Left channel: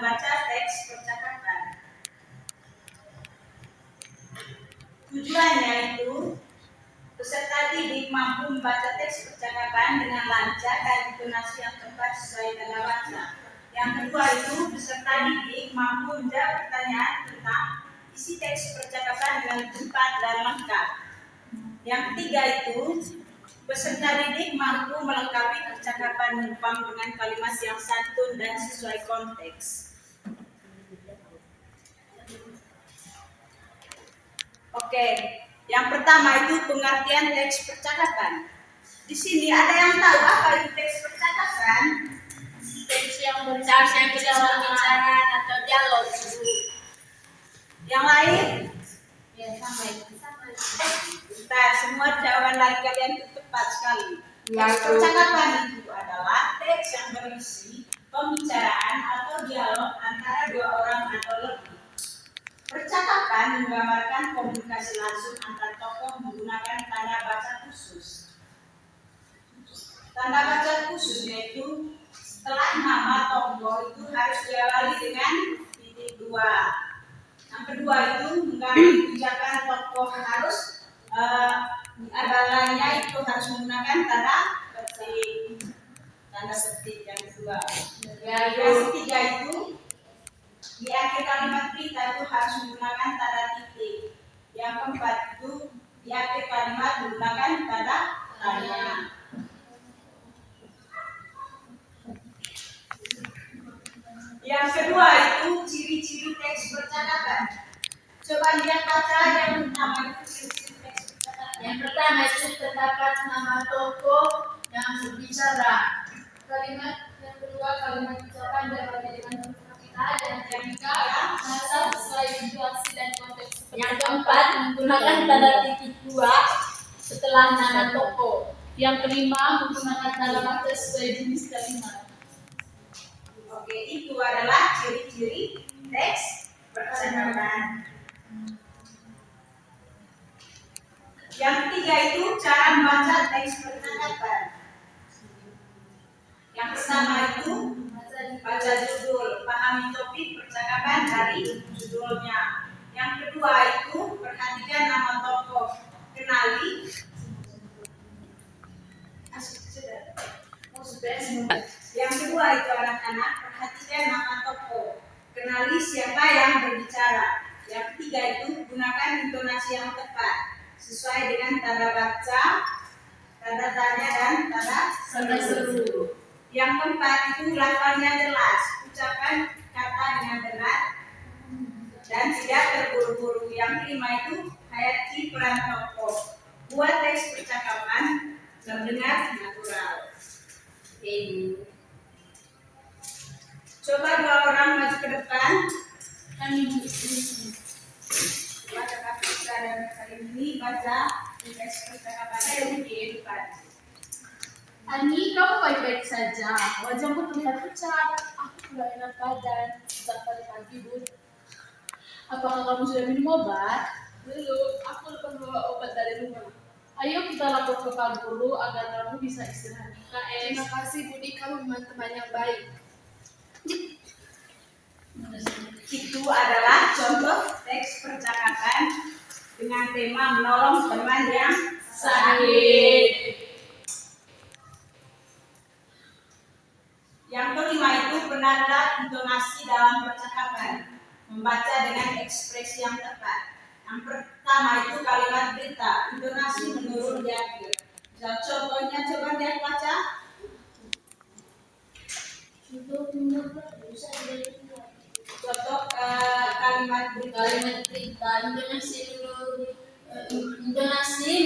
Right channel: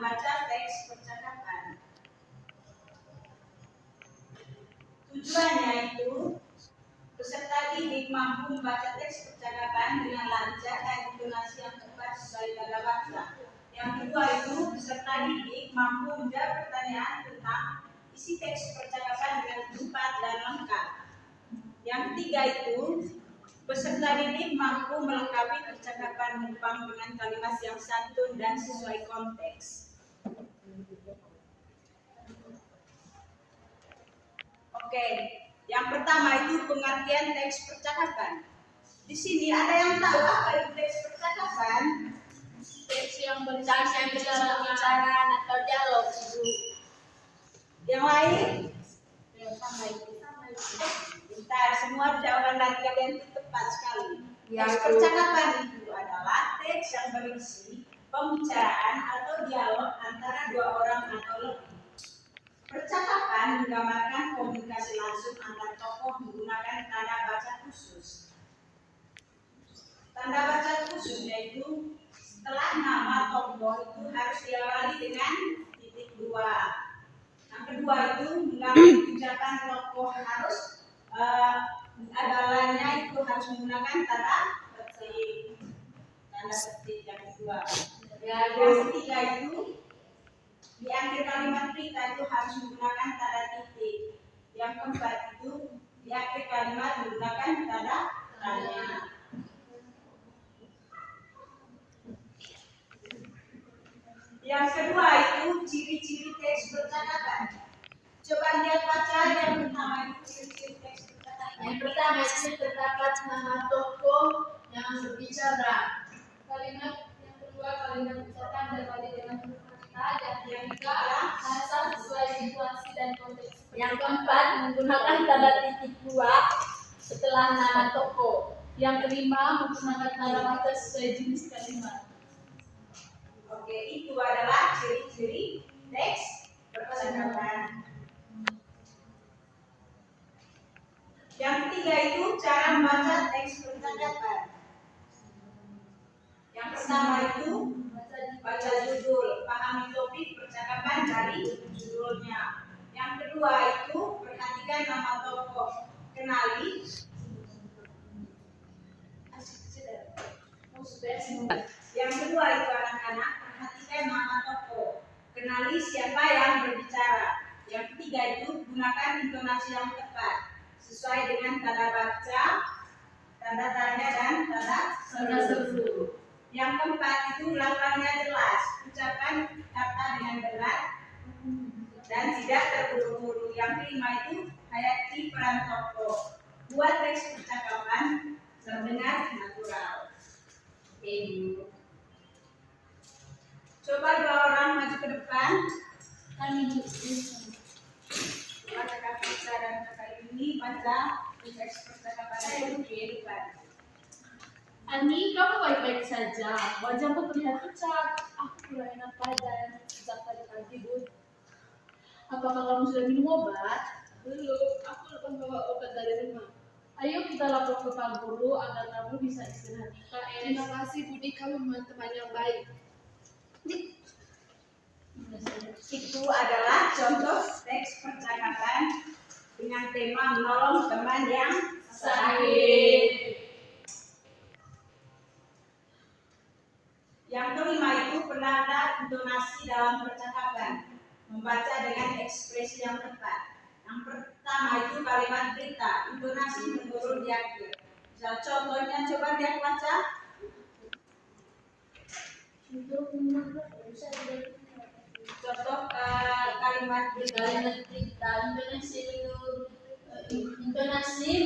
membaca teks percakapan. Tujuannya itu peserta didik mampu membaca teks percakapan dengan lancar dan intonasi yang tepat sesuai tanda baca. Yang kedua itu peserta didik mampu menjawab pertanyaan tentang isi teks percakapan dengan cepat dan lengkap. Yang ketiga itu peserta didik mampu melengkapi percakapan Jepang dengan kalimat yang santun dan sesuai konteks. Oke, yang pertama itu pengertian teks percakapan. Di sini ada yang tahu apa itu teks percakapan? Teks yang pembicaraan atau dialog. Yang lain? Ya, sama. Bentar, semua jawaban dari kalian itu tepat sekali. Teks percakapan itu adalah teks yang berisi pembicaraan atau dialog antara dua orang atau lebih. Percakapan menggambarkan komunikasi langsung antar tokoh menggunakan tanda baca khusus. Tanda baca khusus yaitu setelah nama tokoh itu harus diawali dengan titik dua. Yang kedua itu mengganti ucapan tokoh harus abalanya itu harus menggunakan tanda petik. Tanda petik yang kedua. Yang ketiga itu di akhir kalimat berita itu harus menggunakan tanda titik. Yang keempat itu di akhir kalimat menggunakan tanda tanya. Yang kedua itu ciri-ciri teks percakapan. Coba lihat baca yang pertama itu ciri-ciri teks percakapan. Yang pertama itu terdapat nama tokoh yang berbicara. Yang kedua kalimat ucapan berbeda dengan huruf kapital. Dan yang ketiga bahasa sesuai situasi dan konteks. Yang keempat menggunakan tanda titik dua setelah nama tokoh. Yang kelima menggunakan tanda baca sesuai jenis kalimat. Oke, itu adalah ciri-ciri teks percakapan. Yang ketiga itu cara membaca teks percakapan. Yang pertama itu baca judul, pahami topik percakapan dari judulnya. Yang kedua itu perhatikan nama tokoh, kenali. Yang kedua itu anak-anak, perhatikan nama tokoh, kenali siapa yang berbicara. Yang ketiga itu gunakan intonasi yang tepat sesuai dengan tanda baca, tanda tanya dan tanda seru. Yang keempat itu lafalnya jelas, ucapan kata dengan benar dan tidak terburu-buru. Yang kelima itu hayati peran tokoh, buat teks percakapan terdengar natural. Coba dua orang maju ke depan. Coba kakak Fisa dan kakak ini baca teks percakapan di depan. Ani, kamu baik-baik saja. Wajahmu terlihat pucat. Aku kurang enak badan sejak tadi pagi, Bun. Apakah kamu sudah minum obat? Belum. Aku lupa membawa obat dari rumah. Ayo kita lapor ke Pak Guru agar kamu bisa istirahat. Terima kasih Budi, kamu memang teman yang baik. Itu adalah contoh teks percakapan dengan tema menolong teman yang sakit. Yang kelima itu penanda intonasi dalam percakapan, membaca dengan ekspresi yang tepat. Yang pertama itu kalimat berita, intonasi menurun di akhir. Contohnya coba lihat baca. Contoh kalimat berita. Intonasi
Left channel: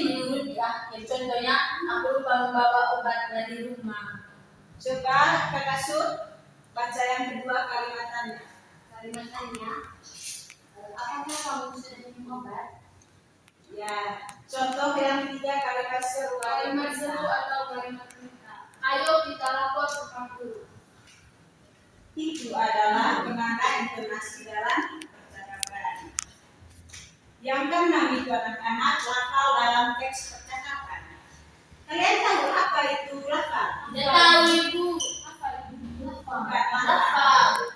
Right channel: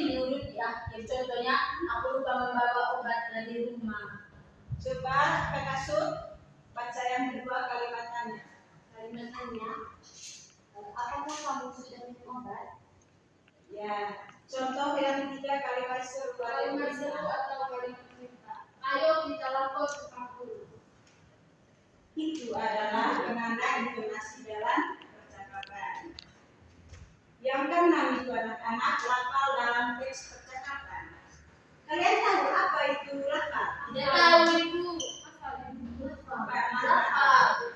menurun di akhir. Contohnya, aku lupa membawa obat dari rumah. Coba kakak Sud baca yang kedua kalimatannya. Kalimatannya, apakah kamu sudah minum obat? Ya, contoh yang ketiga kalimat seru. Kalimat seru atau kalimat perintah. Ayo kita lapor ke Pak Guru. Itu adalah penanda intonasi dalam percakapan. Yang keenam itu anak-anak lafal dalam teks percakapan. Kalian tahu apa itu lafal? Tidak tahu, Ibu. Bukan lafal.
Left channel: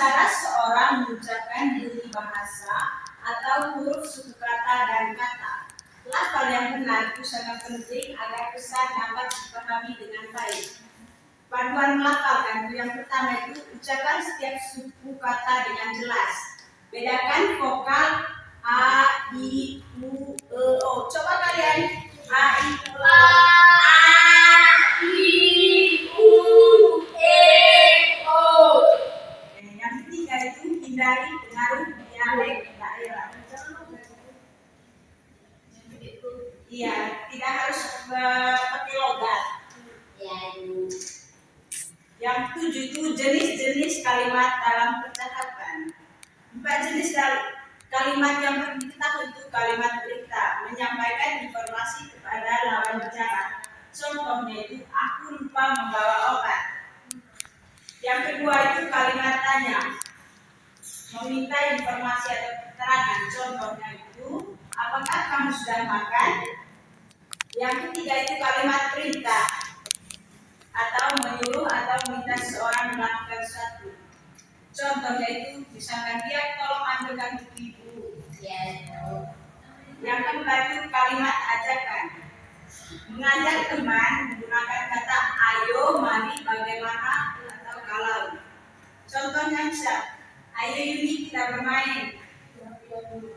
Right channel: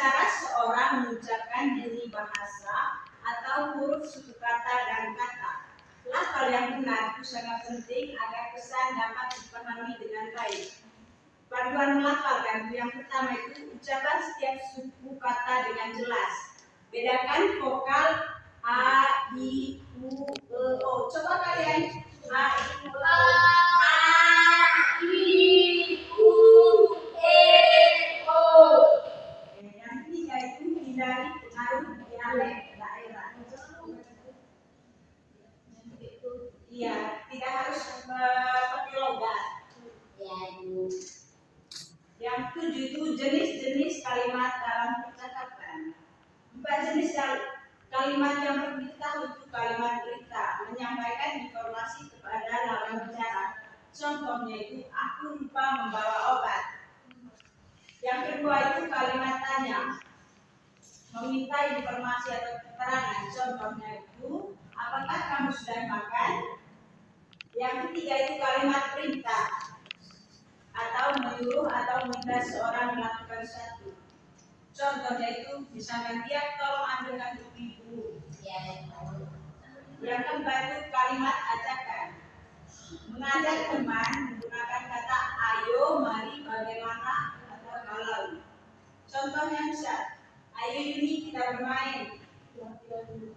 cara seorang mengucapkan bunyi bahasa atau huruf suku kata dan kata. Lafal yang benar itu sangat penting agar pesan dapat dipahami dengan baik. Panduan melafalkan yang pertama itu ucapkan setiap suku kata dengan jelas. Bedakan vokal a, i, u, e, o. Coba kalian a, i, u, e, o. Yang ketiga itu hindari pengaruh dialek daerah. Iya, tidak harus pakai logat. Yang ketujuh itu jenis-jenis kalimat dalam percakapan. 4 jenis kalimat yang perlu diketahui itu kalimat berita, menyampaikan informasi kepada lawan bicara. Contohnya itu aku lupa membawa obat. Yang kedua itu kalimat tanya, meminta informasi atau keterangan. Contohnya itu apakah kamu sudah makan? Yang ketiga itu kalimat perintah atau menyuruh atau meminta seseorang melakukan sesuatu. Contohnya itu misalkan dia tolong ambilkan buku ibu. Yang keempat itu kalimat ajakan, mengajak teman menggunakan kata ayo, mari, bagaimana atau kalau. Contohnya bisa ayo Yuni kita bermain.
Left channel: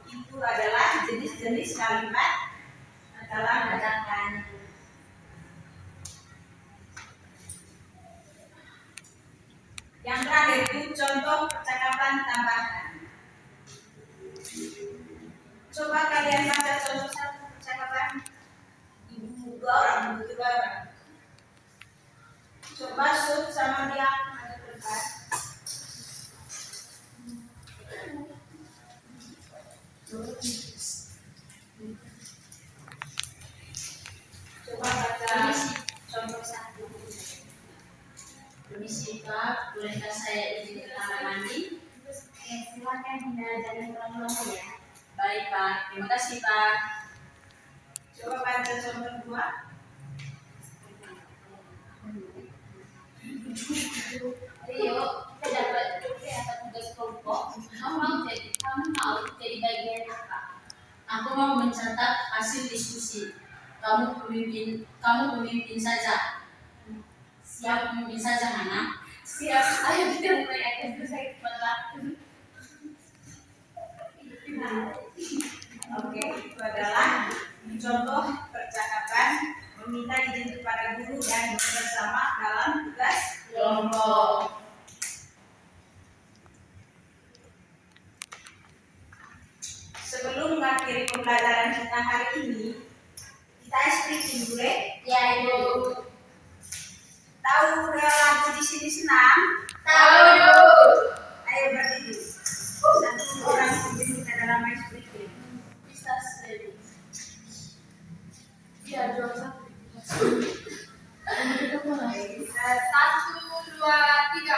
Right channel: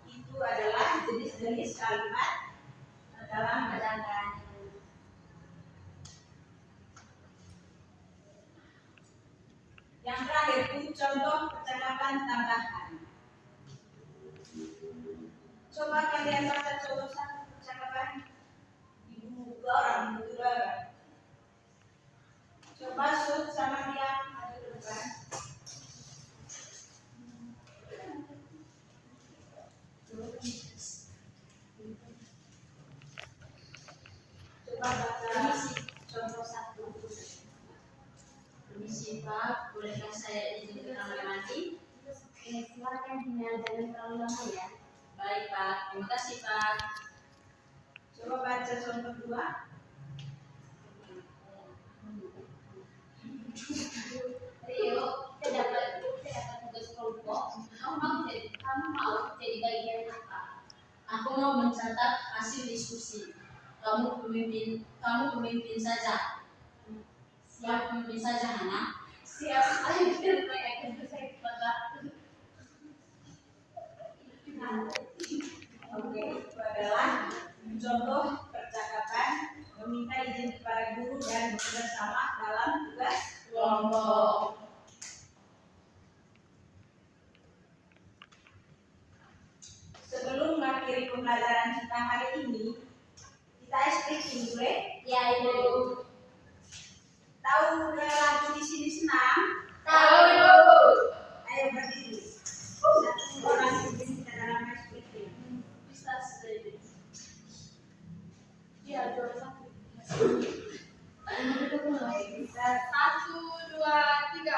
Itu adalah jenis-jenis kalimat dalam ajakan. Yang terakhir itu contoh percakapan tambahan. Coba kalian baca contoh satu percakapan ibu dua orang, ibu dua orang. Coba shoot sama dia maju ke depan. Coba baca contoh satu. Permisi Pak, bolehkah saya izin ke kamar mandi? Silakan tidak jangan terlalu lama ya. Baik Pak, terima kasih Pak. Coba baca contoh dua. Rio, kita dapat tugas kelompok. Kamu mau jadi bagian apa? Aku mau mencatat hasil diskusi. Kamu pemimpin saja. Siap pemimpin saja, Hana? Siap, ayo kita mulai akan selesai cepat. Oke, itu adalah contoh percakapan meminta izin kepada guru dan bersama dalam tugas Kelompok. Sebelum mengakhiri pembelajaran kita hari ini, kita speaking dulu. Ya Ibu. Tahu lagu di sini senang? Tahu. Ayo berdiri. Satu orang pimpin kita dalam speaking. Bisa sendiri. Iya, jual satu. Kita 1, 2, 3.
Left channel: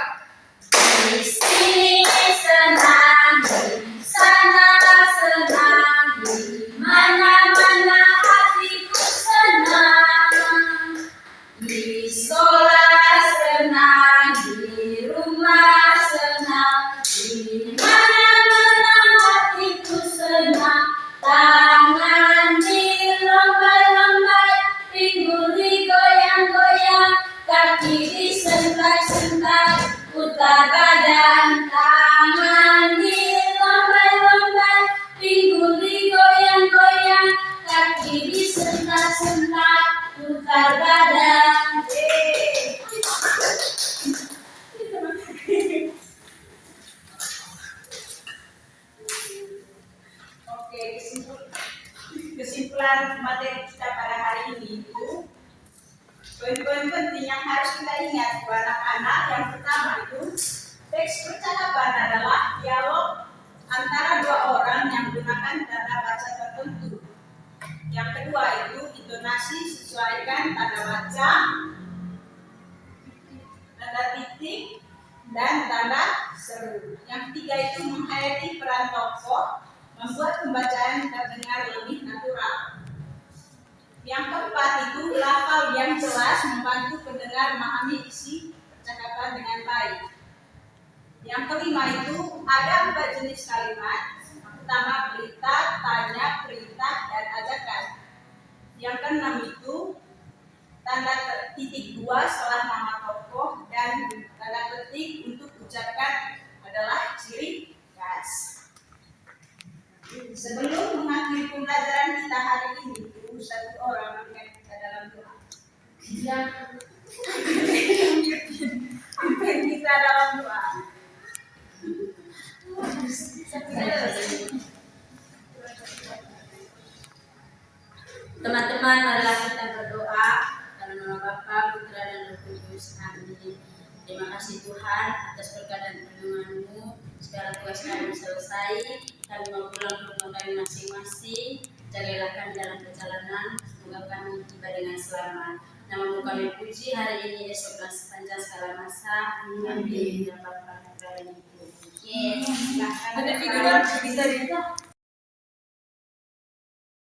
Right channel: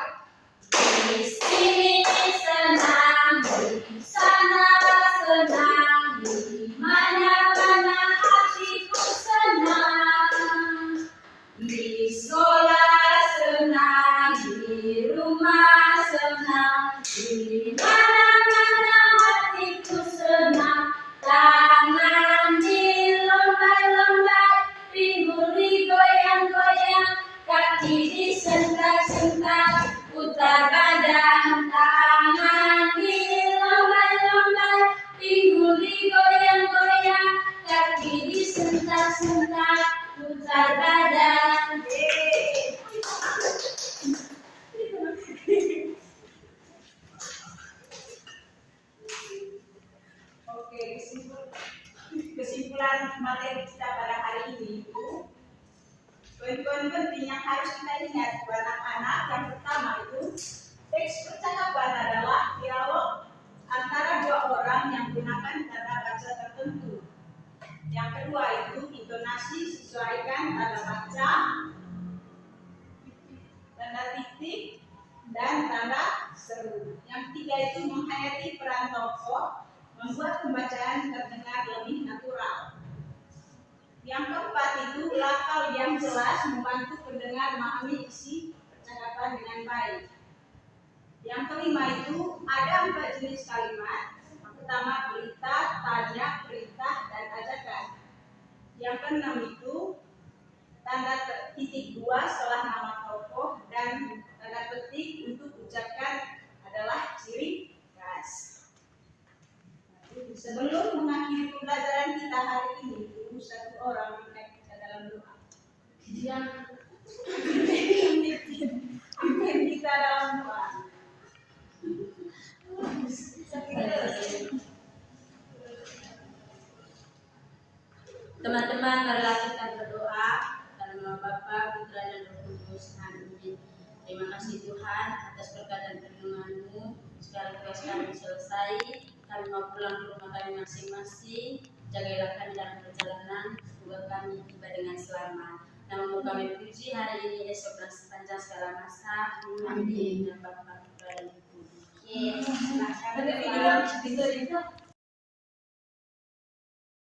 Di sini senang, di sana senang, di mana-mana hatiku senang. Di sekolah senang, di rumah senang, di mana-mana hatiku senang. Tangan dilompat-lompat, pinggul digoyang-goyang, kaki disentak-sentak, putar badan. Tangan dilompat-lompat, pinggul digoyang-goyang, kaki disentak-sentak, putar badan. Oke, kesimpulan materi kita pada hari ini itu poin-poin penting yang harus kita ingat buat anak-anak. Yang pertama itu teks percakapan adalah dialog antara dua orang yang menggunakan tanda baca tertentu. Yang kedua itu intonasi sesuaikan tanda baca, tanda titik, dan tanda seru. Yang ketiga itu menghayati peran tokoh, membuat pembacaan terdengar lebih natural. Yang keempat itu lafal yang jelas membantu pendengar memahami isi percakapan dengan baik. Yang kelima kelima itu ada 4 jenis kalimat. Pertama berita, tanya, perintah, dan ajakan. Yang keenam itu tanda titik 2 setelah nama tokoh dan tanda ketik untuk ucapkan adalah ciri khas. Sebelum mengakhiri pembelajaran kita hari ini, tunggu satu orang memimpin kita dalam doa. Pimpin kita dalam doa. Teman-teman, marilah kita berdoa dalam nama Bapa, Putra, dan Roh Kudus. Amin. Terima kasih Tuhan atas berkat dan perlindungan-Mu. Sekarang tugas kami selesai. Kami mau pulang ke rumah kami masing-masing. Jagalah kami dalam perjalanan. Semoga kami tiba dengan selamat. Nama-Mu kami puji hari ini, esok dan sepanjang segala masa. Amin. Ya Bapa, Putra, dan Roh Kudus. Yes. Ada video bisa